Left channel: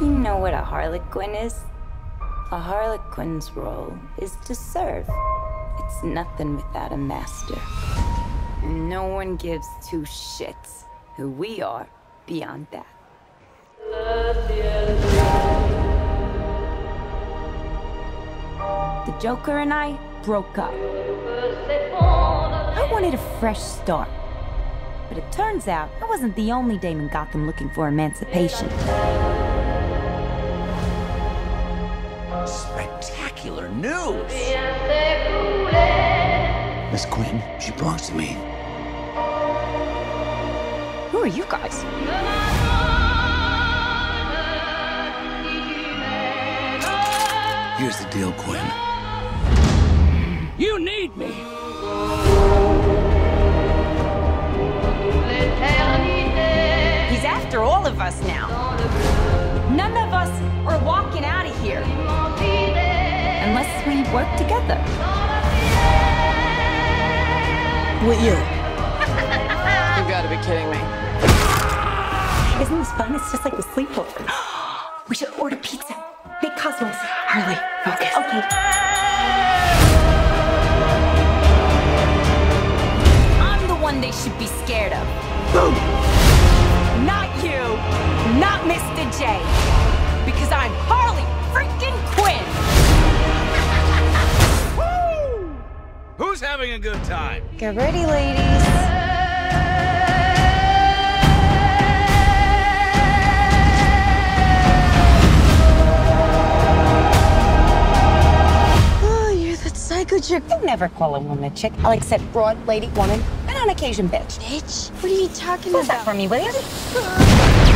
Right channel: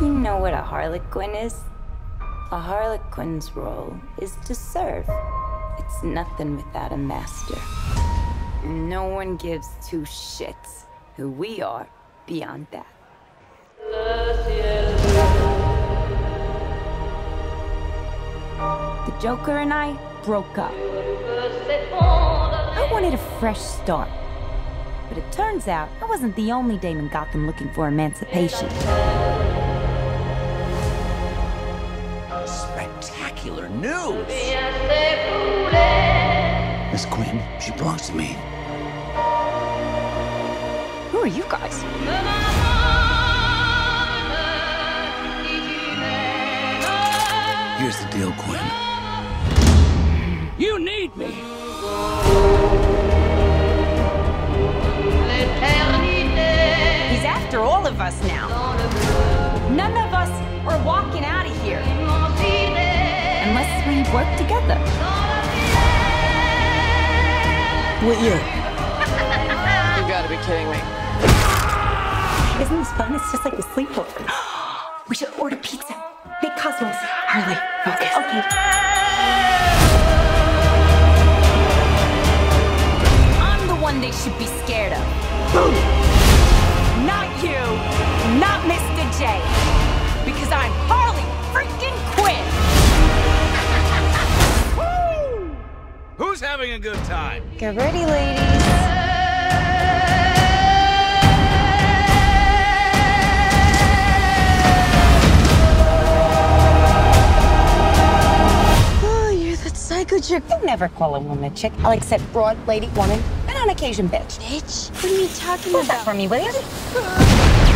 You know what a Harley Quinn is? A Harley Quinn's role is to serve. It's nothing without a master. No one gives two shits who we are beyond that. The Joker and I broke up. I wanted a fresh start. But it turns out I wasn't the only dame in Gotham looking for emancipation. Spectacular news! Miss Quinn, she belongs to me. Who are you guys? Here's the deal, Quinn. You need me! He's after all of us now. None of us are walking out of here. Unless we work together. With you. You gotta be kidding me. Isn't this fun? It's just like a sleepover. We should order pizza. Big Cosmos. Harley, focus. Okay. I'm the one they should be scared of. Boom! Not you. Not Mr. J. Because I'm Harley freaking Quinn. Woo! Who's having a good time? Get ready, ladies. Psycho chick. I never call a woman a chick. I'll accept broad, lady, woman, and on occasion, bitch. Bitch? What are you talking Hold about? that for me, will you?